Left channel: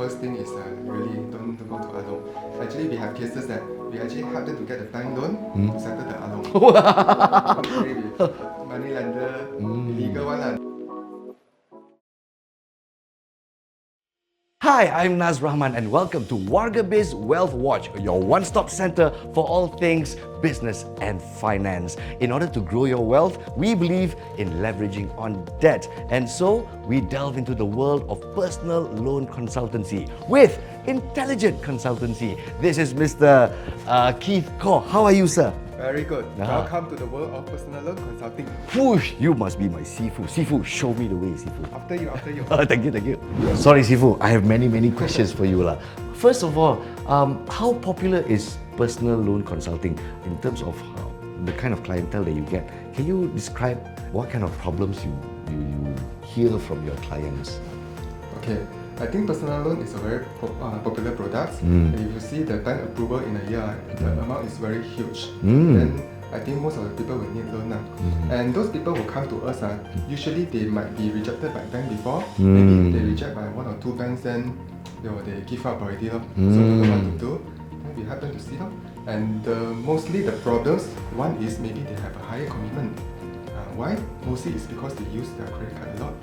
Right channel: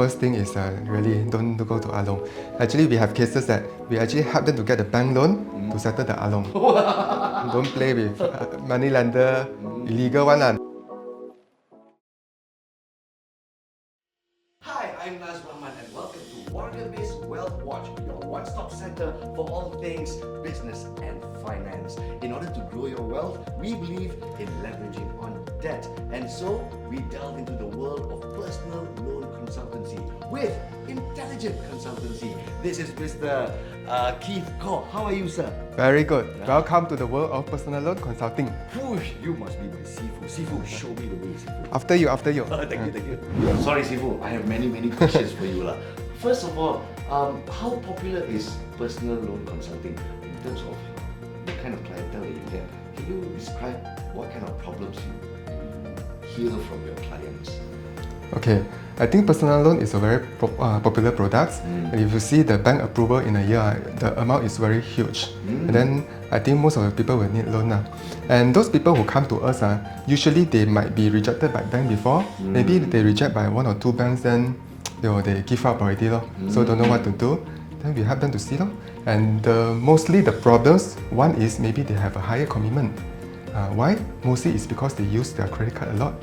first thing is really don't go to Along. Actually, we have cases that we actually help them to get the bank loan to settle the Along. Don't play with money lender, illegal one. Hi, I'm Naz Rahman and welcome to Wargabiz Wealth Watch, your one-stop center for all things business and finance. In order to grow your wealth, we believe in leveraging on debt. And so, we delve into the world of personal loan consultancy with Intelligent Consultancy. This is Mr. Keith Kaur. How are you, sir? Very good. Welcome to the world of personal loan consulting. Whoosh, you must be my Sifu. Sifu, show me the way, Sifu. After you. Thank you. Sorry, Sifu, I have many questions for you. First of all, how popular is personal loan consulting in terms of the kind of clientele that you get? Can you describe what kind of problems you hear from your clients? Okay, I think personal loan is a very popular product. And if you see the bank approval in a year, the amount is very huge. Then I think most of the people will need loan. And those people who come to us, usually they might be rejected by bank before. Maybe they reject by one or two banks, then they give up already. So don't know what to do. Then we help them to see. And mostly the problems, one is maybe they have a higher commitment. Why? Mostly it's because they use their credit card a lot.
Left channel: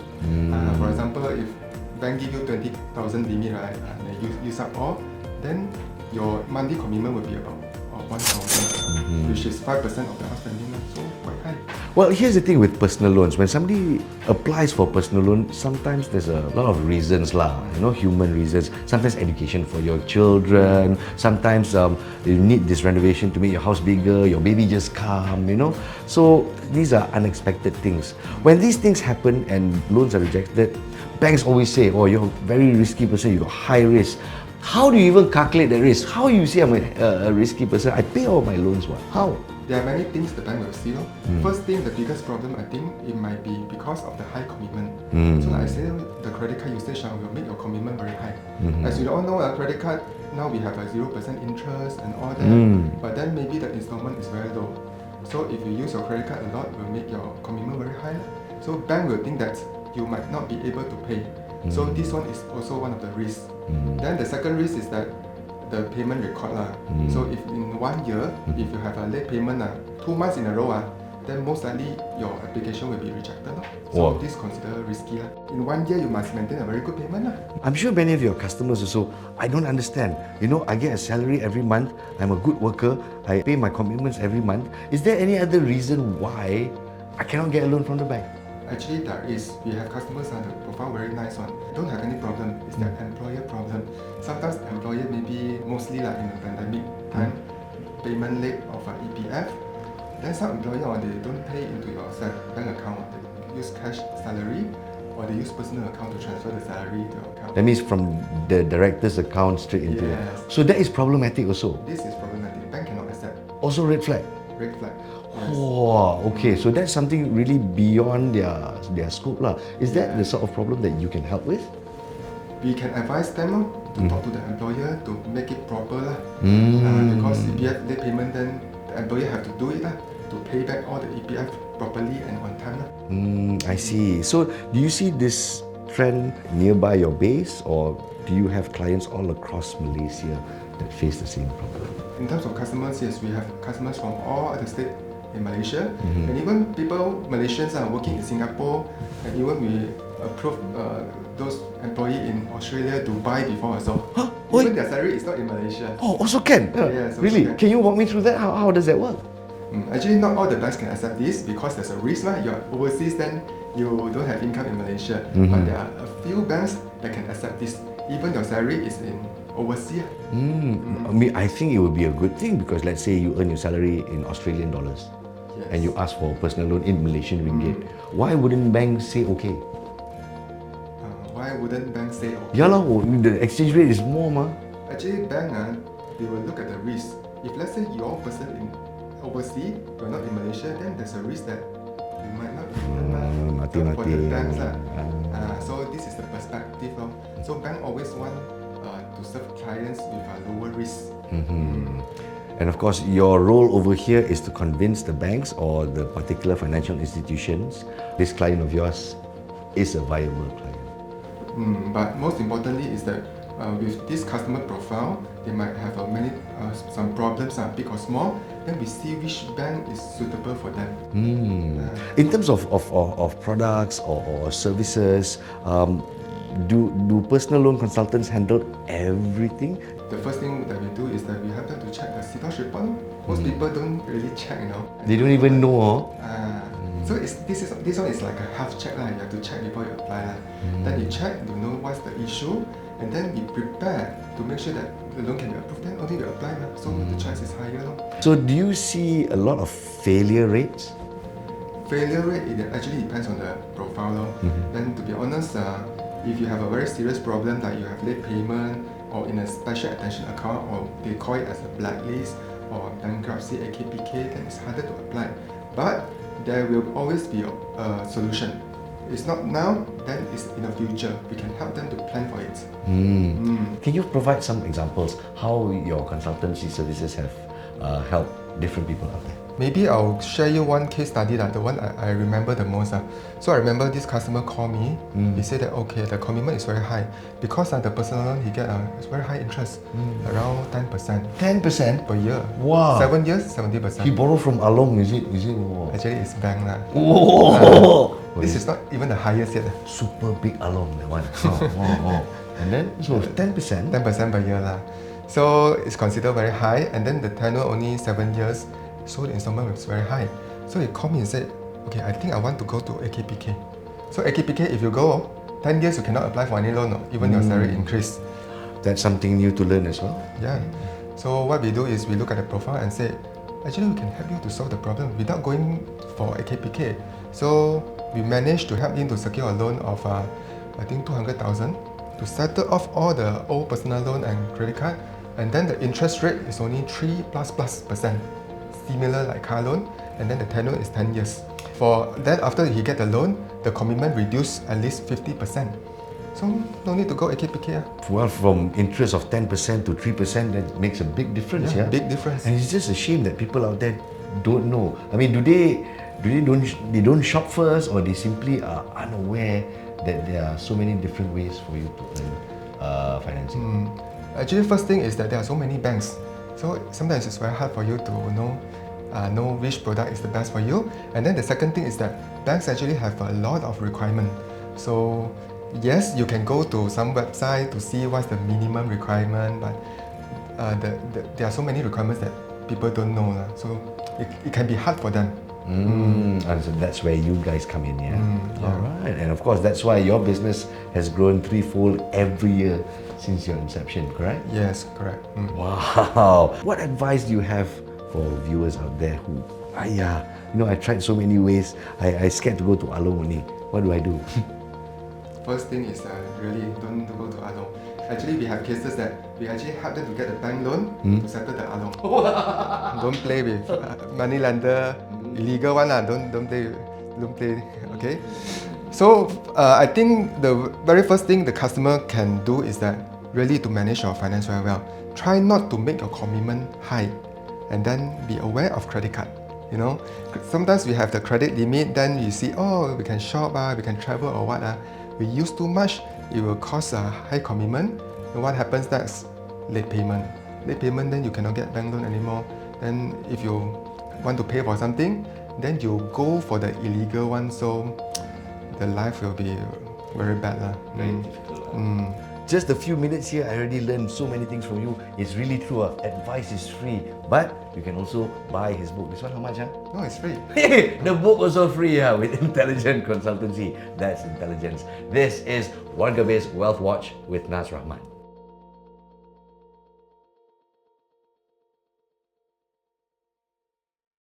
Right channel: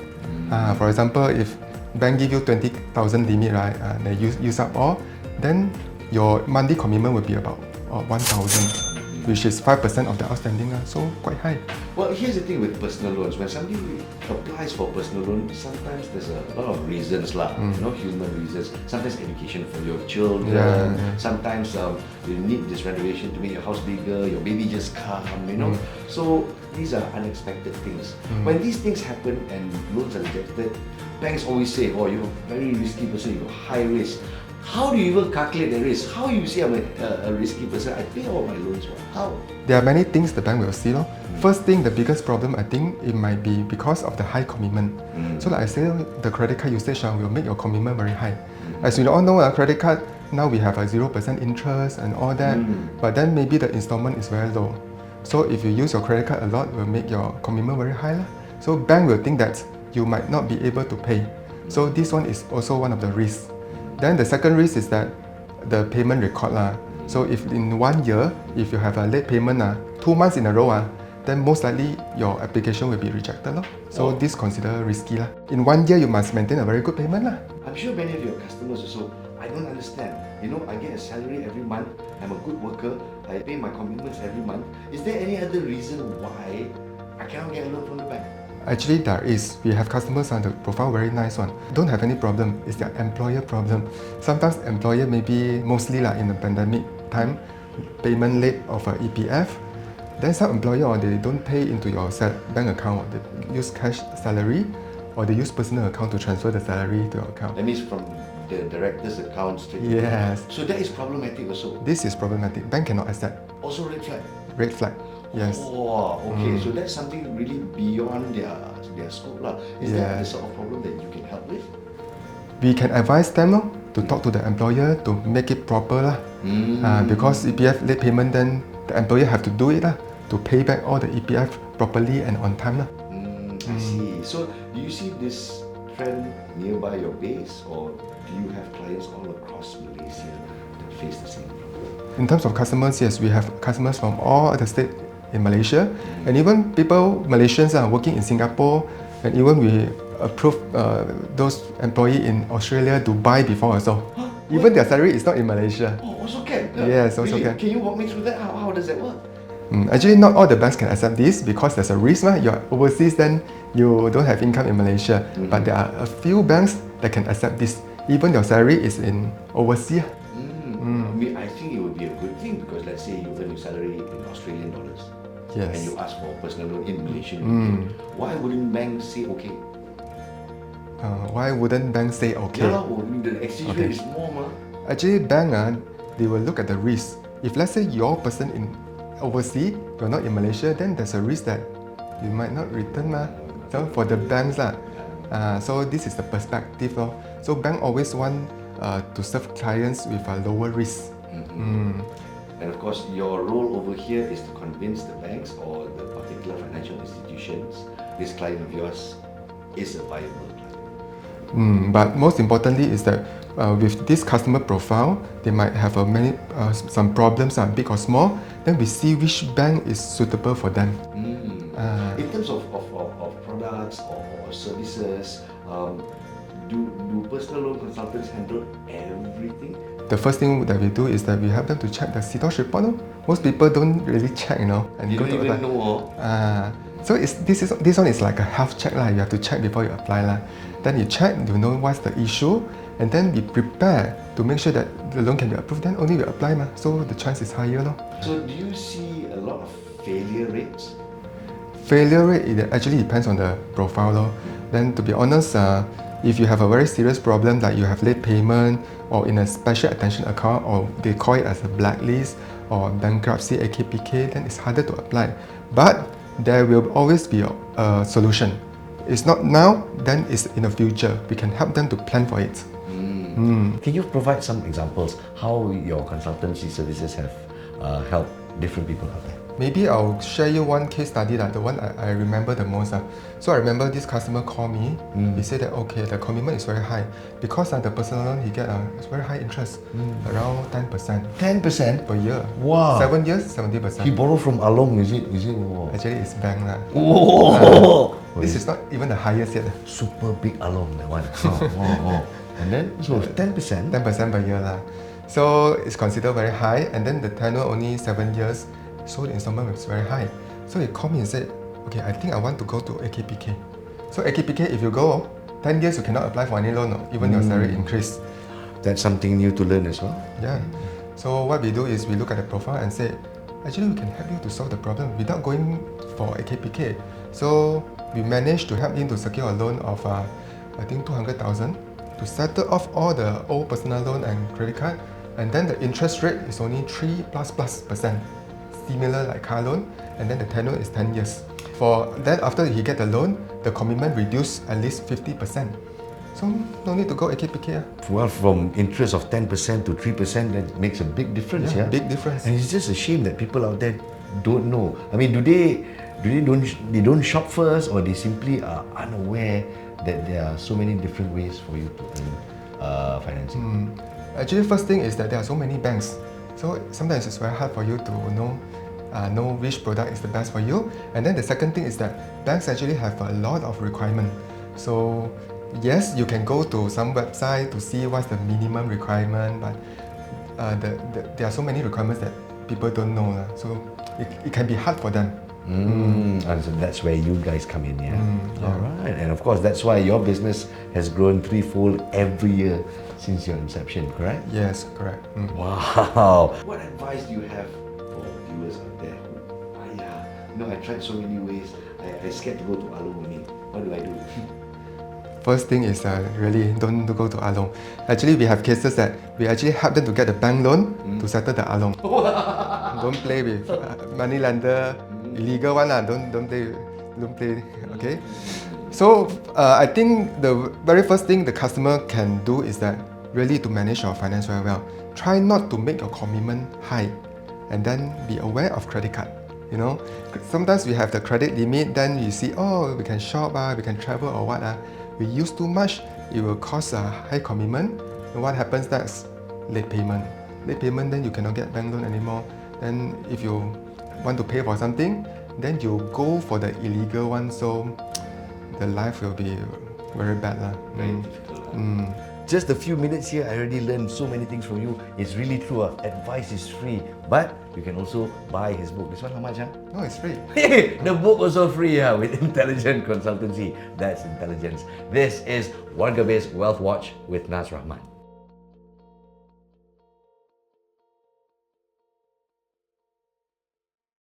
For example, if bank give you 20,000 limit, right? They use up all, then your monthly commitment will be about 1,000, which is 5% of the outstanding, so quite high. Well, here's the thing with personal loans. When somebody applies for personal loan, sometimes there's a lot of reasons, human reasons. Sometimes education for your children. Sometimes you need this renovation to make your house bigger. Your baby just come, So these are unexpected things. When these things happen and loans are rejected, banks always say, "Oh, you're a very risky person. You're high risk." How do you even calculate the risk? How you say I'm a risky person? I pay all my loans. How? There are many things the bank will see. First thing, the biggest problem, I think it might be because of the high commitment. So like I said, the credit card usage will make your commitment very high. As we all know, a credit card, now we have a 0% interest and all that, but then maybe the installment is very low. So if you use your credit card a lot, it will make your commitment very high. So bank will think that you might not be able to pay. So this one is also one of the risks. Then the second risk is that the payment record. So if in 1 year, if you have a late payment 2 months in a row, then most likely your application will be rejected. So this considered risky. In 1 year, you must maintain a very good payment. I'm sure many of your customers also, I don't understand. I get a salary every month, I'm a good worker, I pay my commitments every month. Is there any other reason why I cannot get a loan from the bank? Actually, there is. We have customers the profile very nice one. Don't have any problem. It's their employer problem. Sometimes employer maybe mostly in the pandemic time, payment late of EPF. Then some employer they don't pay into your bank account. They use cash salary or they use personal account to transfer the salary to your account. That means from the director's account straight into Yes. So that is problematic also. This is problematic. Bank cannot accept. Also red flag. Red flag. Yes. Oh, okay. So that's something really beyond their scope. Is that the sort of problem that you can help with? We can advise them to talk to the employer to make it proper. Because EPF late payment, then the employer have to do it to pay back all the EPF properly and on time. I see. So do you see this trend nearby your base, or do you have clients all across Malaysia that face the same problem? In terms of customers, yes, we have customers from all the states in Malaysia, and even Malaysians are working in Singapore, and even we approve those employees in Australia to buy before also. Even their salary is not in Malaysia. Oh, also can? Yes, also really? can. You walk me through that? How does that work? Actually, not all the banks can accept this because there's a risk. You're overseas, then you don't have income in Malaysia. But there are a few banks that can accept this. Even your salary is in overseas. I think it would be a good thing because let's say you earn your salary in Australian dollars. Yes. And you ask for a personal loan in Malaysian ringgit. Why wouldn't banks say okay? Why wouldn't banks say okay? Yeah, the exchange rate is more. Actually, bank they will look at the risk. If let's say your person in overseas, you're not in Malaysia, then there's a risk that you might not return for the banks. So this is the perspective. So bank always want to serve clients with a lower risk. And of course, your role over here is to convince the banks or the particular financial institutions this client of yours is a viable client. But most importantly is that with this customer profile, they might have some problems, big or small. Then we see which bank is suitable for them. In terms of products or services, do personal loan consultants handle everything? The first thing that we do is that we help them to check the CDOS report. Most people don't really check, and They don't even know. So this one is like a health check. You have to check before you apply. Then you check, you know what's the issue, and then we prepare to make sure that the loan can be approved. Then only we apply. So the chance is higher. So do you see a lot of failure rates? Failure rate, it actually depends on the profile. Then to be honest, if you have a very serious problem like you have late payment or in a special attention account, or they call it as a blacklist or bankruptcy, AKPK, then it's harder to apply. But there will always be a solution. It's not now, then it's in the future. We can help them to plan for it. Can you provide some examples how your consultancy services have helped different people out there? Maybe I'll share you one case study, the one I remember the most. So I remember this customer called me. He said that okay, the commitment is very high because the personal loan he get very high interest, around 10%. 10% per year. Wow. 7 years, 70%. He borrowed from Along, is it? Wow. Actually, it's bank this is not even the highest yet. Super big Along, that one. And then so 10%. 10% per year So it's considered very high, and then the tenure only 7 years. So the installment was very high. So he called me and said, okay, I think I want to go to AKPK. So AKPK, if you go, 10 years you cannot apply for any loan, even your salary increase. That's something new to learn as well. Yeah. So what we do is we look at the profile and say, actually we can help you to solve the problem without going for AKPK. So we managed to help him to secure a loan of I think 200,000 to settle off all the old personal loan and credit card, and then the interest rate is only 3++%. Similar like car loan, and then the tenure is 10 years. For then after he get the loan, the commitment reduced at least 50%. So no need to go AKPK. Well, from interest of 10% to 3%, that makes a big difference. Yeah, big difference. And it's just a shame that people out there don't know. I mean, do they don't shop first, or they simply are unaware that there are so many different ways for you to earn financing? Actually, first thing is that there are so many banks. So sometimes it's very hard for you to know which product is the best for you. And then the second thing is that banks actually have a lot of requirement. So yes, you can go to some website to see what's the minimum requirement, but there are so many requirements that people don't know. So it can be hard for them. And so that's where you guys come in, yeah? All right. And of course, that's why your business has grown threefold every year since your inception, correct? Yes, correct. Wow. What advice do you have for viewers out there who, I tried so many ways, I scared to go to Along only. What do I do? First thing is really don't go to Along. Actually, we have cases that we actually help them to get the bank loan to settle the Along. Don't play with money lender, illegal one. Don't play. Okay. So I think the very first thing the customer can do is that really to manage your finance very well. Try not to make your commitment high, and then be aware of credit card. Sometimes we have the credit limit, then you see, we can shop, we can travel or what. We use too much, it will cause a high commitment. And what happens next? Late payment. Late payment, then you cannot get bank loan anymore. Then if you want to pay for something, then you go for the illegal one. So the life will be very bad. Very difficult. Just a few minutes here, I already learned so many things from you. It's really true. Advice is free, but you can also buy his book. This one, how much? No, it's free. The book also free with Intelligent Consultancy. That's intelligence. This is Wargabiz Wealth Watch with Nas Rahman.